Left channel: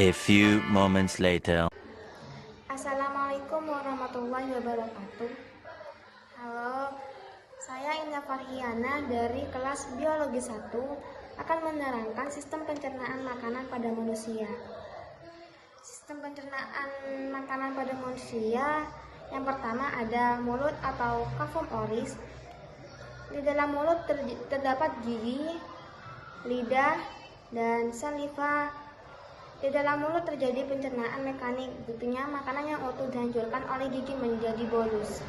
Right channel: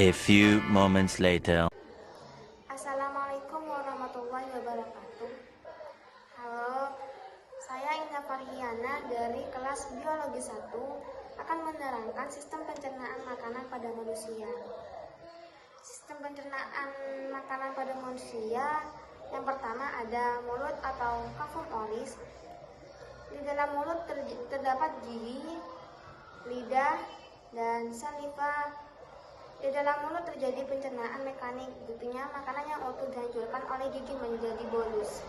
A few moments later. Assalamualaikum warahmatullahi wabarakatuh. Halo, saya Indah Farhiana dari kelas Biologi 1 akan menerangkan sistem pencernaan makanan pada manusia. Sistem pencernaan makanan pada manusia yang pertama ada mulut atau cavum oris. Di dalam mulut terdapat gigi, lidah, dan saliva. Di dalam mulut terjadi pencernaan mekanik, buktinya makanan yang utuh dihancurkan oleh gigi menjadi bolus.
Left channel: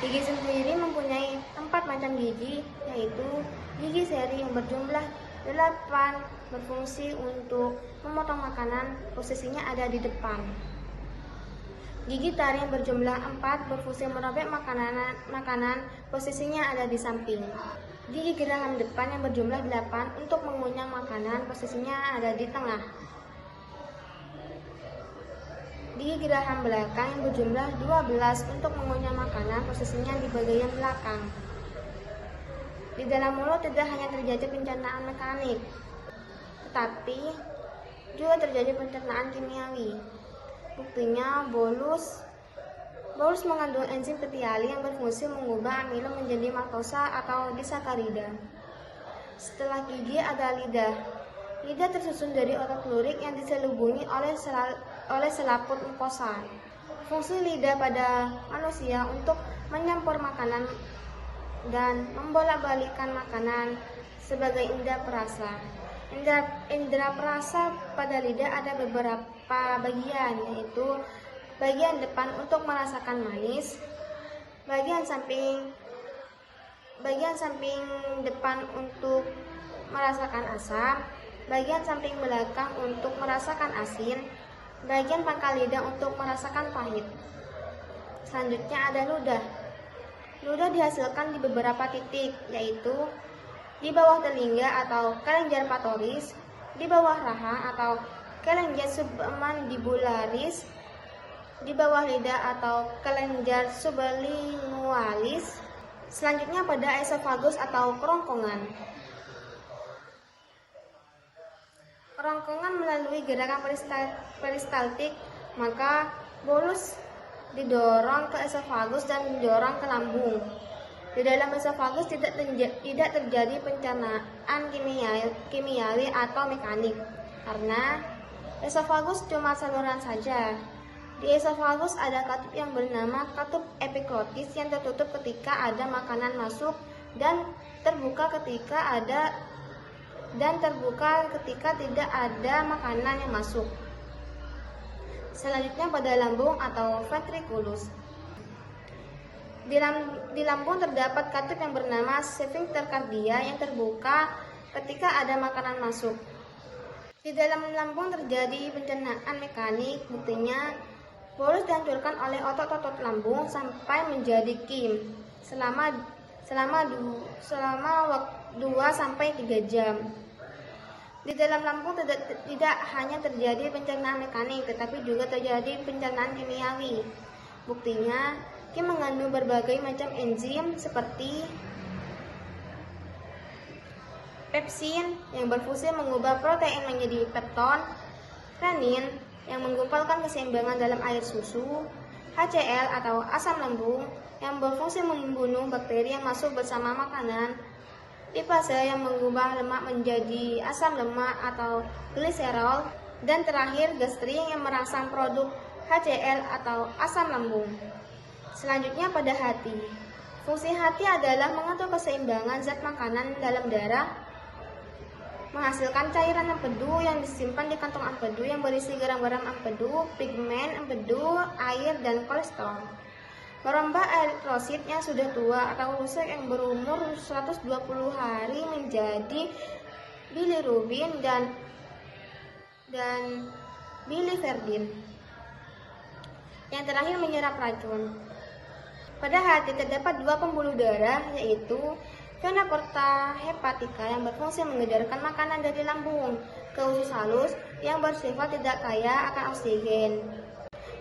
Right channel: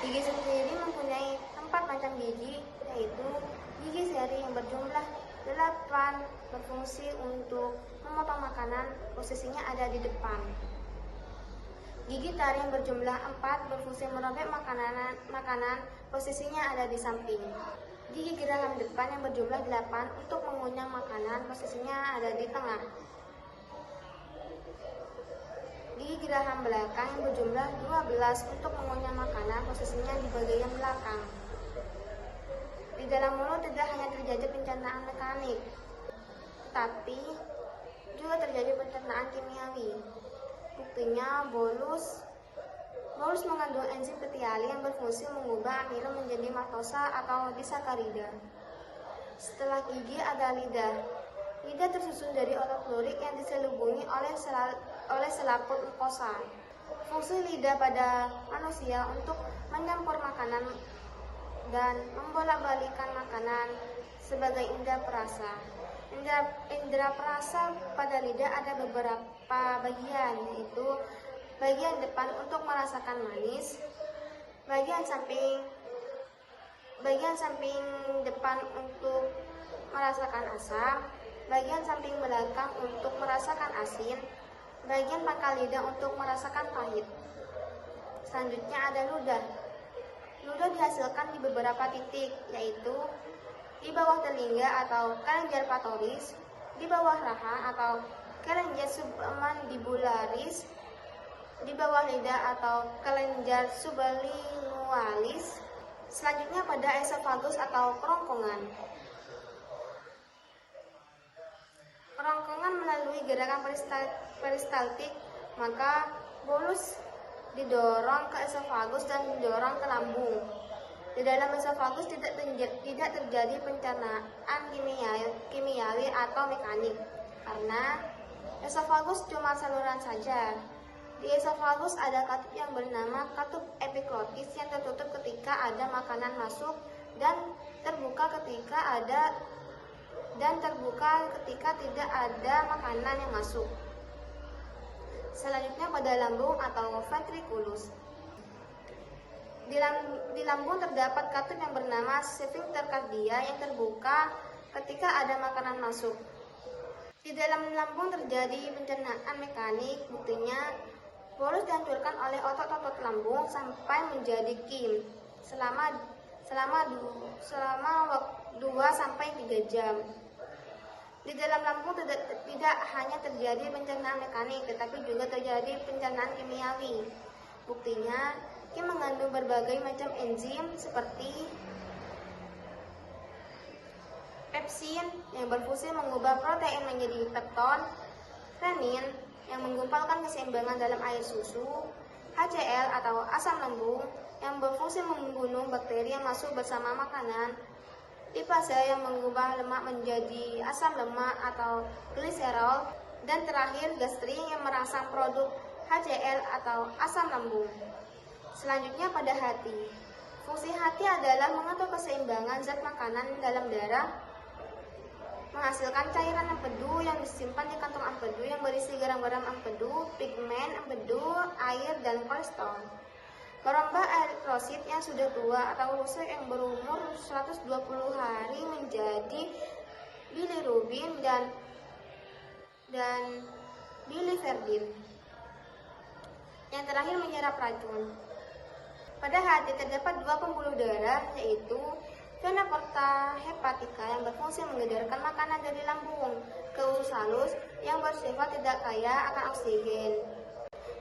Gigi sendiri mempunyai 4 macam gigi, yaitu gigi seri yang berjumlah 8 berfungsi untuk memotong makanan, posisinya ada di depan. Gigi taring yang berjumlah 4 berfungsi merobek makanan, posisinya ada di samping. Gigi geraham depan yang berjumlah 8 untuk mengunyah makanan, posisinya ada di tengah. Gigi geraham belakang yang berjumlah 12 untuk mengunyah makanan, posisinya di bagian belakang. Di dalam mulut tidak hanya terjadi pencernaan mekanik, tetapi juga terjadi pencernaan kimiawi. Buktinya bolus mengandung enzim ketiali yang berfungsi mengubah amilo menjadi maltosa atau disakarida. Setelah gigi ada lidah. Lidah tersusun dari otot lurik yang diselubungi oleh selaput mukosa. Fungsi lidah pada manusia untuk menyampur makanan dan membolak-balikkan makanan sebagai indera perasa. Indera perasa pada lidah ada beberapa bagian, yaitu bagian depan untuk merasakan manis, bagian samping depan untuk merasakan asam, bagian samping belakang untuk merasakan asin, bagian pangkal lidah untuk merasakan pahit. Selanjutnya ada ludah. Ludah dihasilkan di beberapa titik, yaitu di bawah telinga atau kelenjar patoris, di bawah raha atau kelenjar submandibularis, di bawah lidah atau kelenjar sublingualis. Selanjutnya pada esofagus atau kerongkongan. Kerongkongan melalui gerakan peristaltik, maka bolus didorong ke esofagus dan didorong ke lambung. Di dalam esofagus tidak terjadi pencernaan kimiawi atau mekanik, karena esofagus cuma saluran saja. Di esofagus ada katup yang bernama katup epiglotis yang tertutup ketika ada makanan masuk dan terbuka ketika tidak ada makanan yang masuk. Selanjutnya pada lambung atau ventriculus. Di lambung terdapat katup yang bernama sphincter cardia yang terbuka ketika ada makanan masuk. Di dalam lambung terjadi pencernaan mekanik, buktinya bolus dihancurkan oleh otot-otot lambung sampai menjadi kim selama 2-3 jam. Di dalam lambung tidak hanya terjadi pencernaan mekanik, tetapi juga terjadi pencernaan kimiawi. Buktinya, kim mengandung berbagai macam enzim seperti pepsin yang berfungsi mengubah protein menjadi pepton, renin yang menggumpalkan keseimbangan dalam air susu, HCl atau asam lambung yang berfungsi membunuh bakteri yang masuk bersama makanan, lipase yang mengubah lemak menjadi asam lemak atau gliserol, dan terakhir gastrin yang merangsang produk HCl atau asam lambung. Selanjutnya pada hati. Fungsi hati adalah mengatur keseimbangan zat makanan dalam darah, menghasilkan cairan empedu yang disimpan di kantong empedu yang berisi garam-garam empedu, pigmen empedu, air, dan kolesterol. Peromba eritrosit yang sudah tua atau rusak yang berumur 120 hari menjadi bilirubin dan biliverdin. Yang terakhir menyerap racun. Pada hati terdapat 2 pembuluh darah, yaitu vena porta hepatica yang berfungsi mengedarkan makanan dari lambung ke usus halus yang bersifat tidak kaya akan oksigen.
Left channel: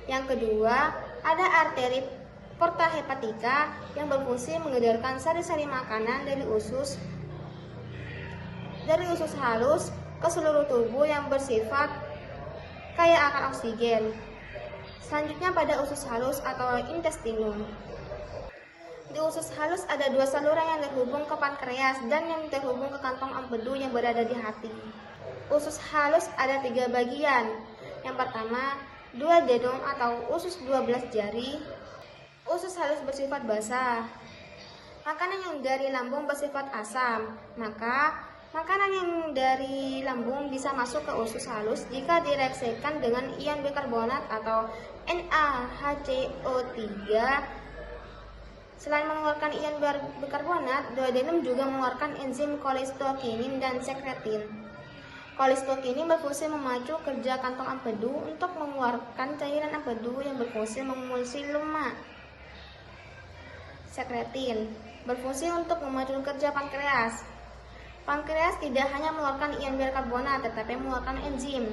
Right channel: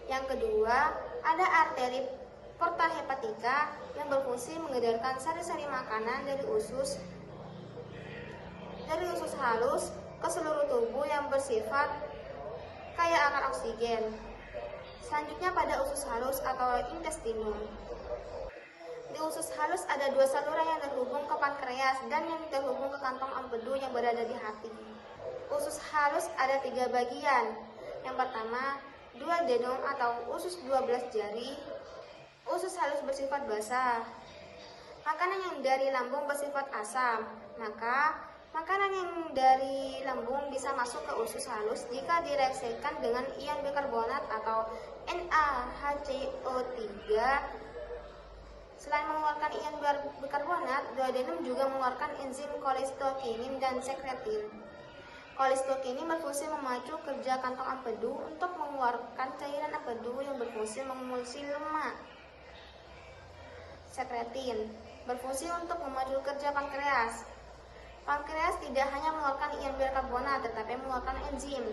Yang kedua, ada arteri porta hepatica yang berfungsi mengedarkan sari-sari makanan dari usus halus ke seluruh tubuh yang bersifat kaya akan oksigen. Selanjutnya pada usus halus atau intestinum. Di usus halus ada dua saluran yang terhubung ke pankreas dan yang terhubung ke kantong empedu yang berada di hati. Usus halus ada 3 bagian. Yang pertama, duodenum atau usus 12 jari. Usus halus bersifat basah. Makanan yang dari lambung bersifat asam, maka makanan yang dari lambung bisa masuk ke usus halus jika direaksikan dengan ion bikarbonat atau NaHCO3. Selain mengeluarkan ion bikarbonat, duodenum juga mengeluarkan enzim kolistokinin dan sekretin. Kolistokinin berfungsi memacu kerja kantong empedu untuk mengeluarkan cairan empedu yang berfungsi mengemulsi lemak. Sekretin berfungsi untuk memacu kerja pankreas. Pankreas tidak hanya mengeluarkan ion bikarbonat, tetapi mengeluarkan enzim.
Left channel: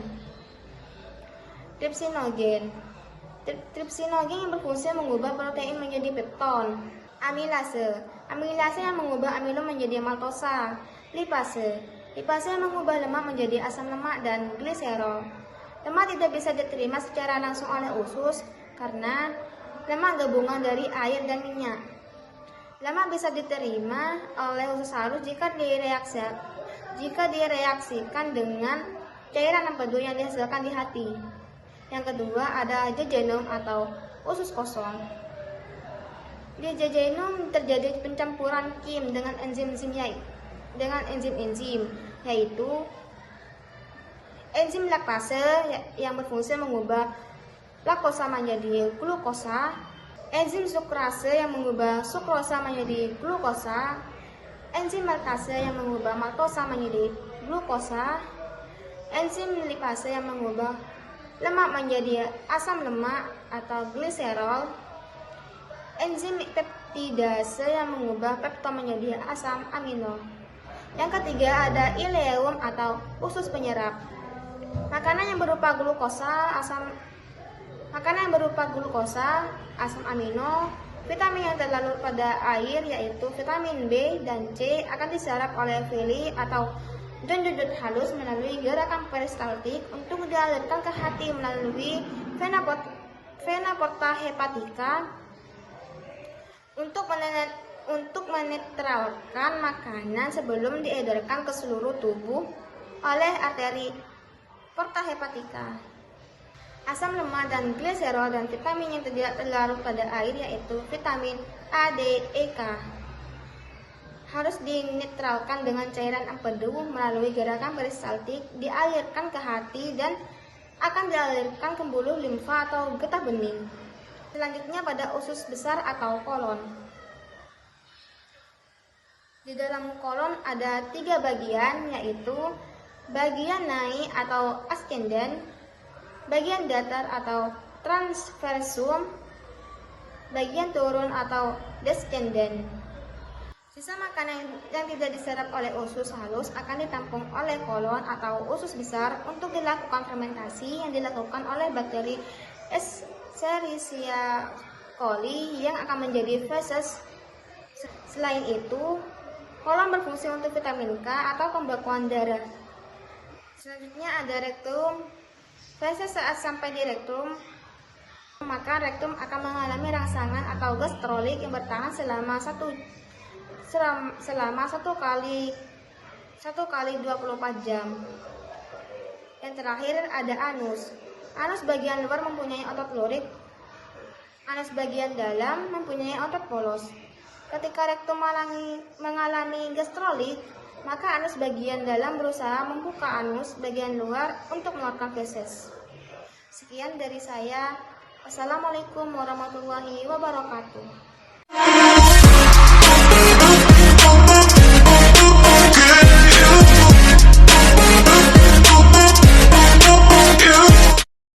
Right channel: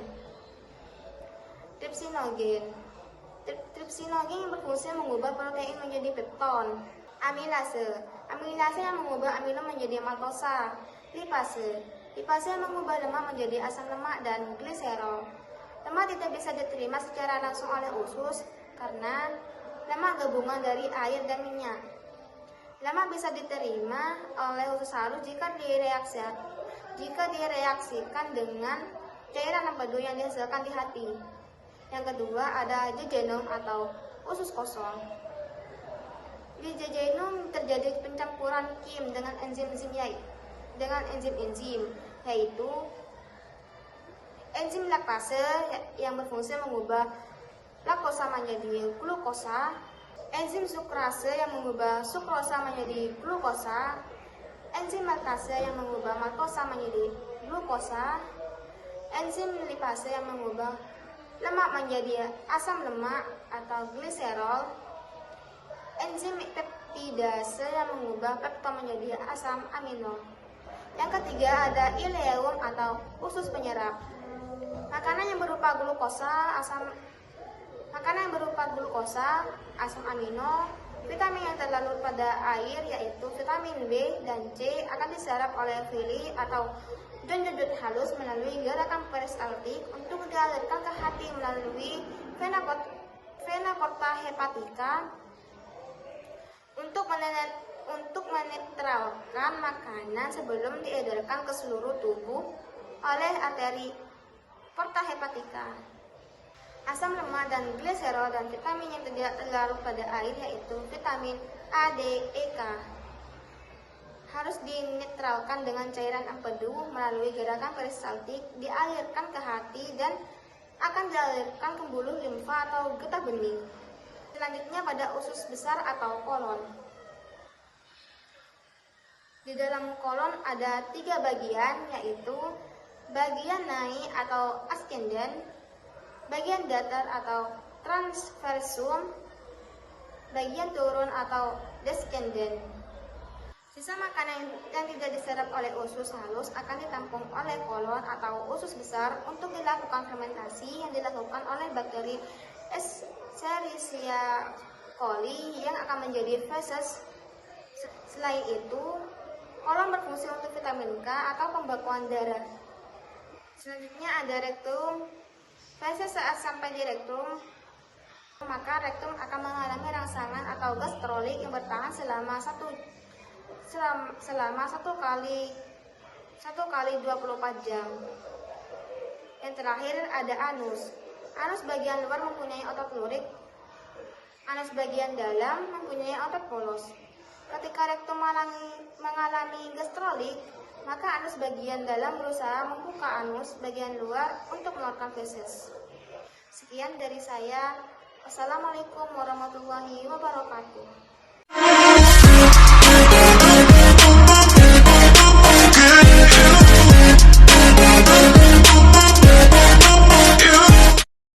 Tripsinogen. Tripsinogen yang berfungsi mengubah protein menjadi pepton. Amilase. Amilase yang mengubah amilo menjadi maltosa. Lipase. Lipase yang mengubah lemak menjadi asam lemak dan gliserol. Lemak tidak bisa diterima secara langsung oleh usus karena lemak gabungan dari air dan minyak. Lemak bisa diterima oleh usus halus jika direaksikan dengan cairan empedu yang dihasilkan di hati. Yang kedua ada jejunum atau usus kosong. Di jejunum terjadi pencampuran kim dengan enzim-enzim yaitu enzim laktase yang berfungsi mengubah laktosa menjadi glukosa, enzim sukrase yang mengubah sukrosa menjadi glukosa, enzim maltase yang mengubah maltosa menjadi glukosa, enzim lipase yang mengubah lemak menjadi asam lemak atau gliserol, enzim peptidase yang mengubah pepton menjadi asam amino. Yang ketiga ada ileum atau usus penyerap. Makanan yang berupa glukosa, asam amino, vitamin yang terlarut pada air yaitu vitamin B dan C akan diserap oleh villi atau dendrit halus melalui gerakan peristaltik untuk dialirkan ke hati melalui vena porta hepatica untuk menetralkan makanan sebelum diedarkan ke seluruh tubuh oleh arteri porta hepatica. Asam lemak dan gliserol dan vitamin yang tidak terlarut pada air yaitu vitamin A, D, E, K harus dinetralkan dengan cairan empedu melalui gerakan peristaltik, dialirkan ke hati dan akan dialirkan ke pembuluh limfa atau getah bening. Selanjutnya pada usus besar atau kolon. Di dalam kolon ada 3 bagian yaitu bagian naik atau ascendent, bagian datar atau transversum, bagian turun atau descendent. Sisa makanan yang tidak diserap oleh usus halus akan ditampung oleh kolon atau usus besar untuk dilakukan fermentasi yang dilakukan oleh bakteri Escherichia coli yang akan menjadi feses. Selain itu, kolon berfungsi untuk vitamin K atau pembekuan darah. Selanjutnya ada rektum. Feses saat sampai di rektum, maka rektum akan mengalami rangsangan atau gastrolik yang bertahan selama 1 kali 24 jam. Yang terakhir ada anus. Anus bagian luar mempunyai otot lurik. Anus bagian dalam mempunyai otot polos. Ketika rektum mengalami gastrolik, maka anus bagian dalam berusaha membuka anus bagian luar untuk mengeluarkan feses. Sekian dari saya. Wassalamualaikum warahmatullahi wabarakatuh.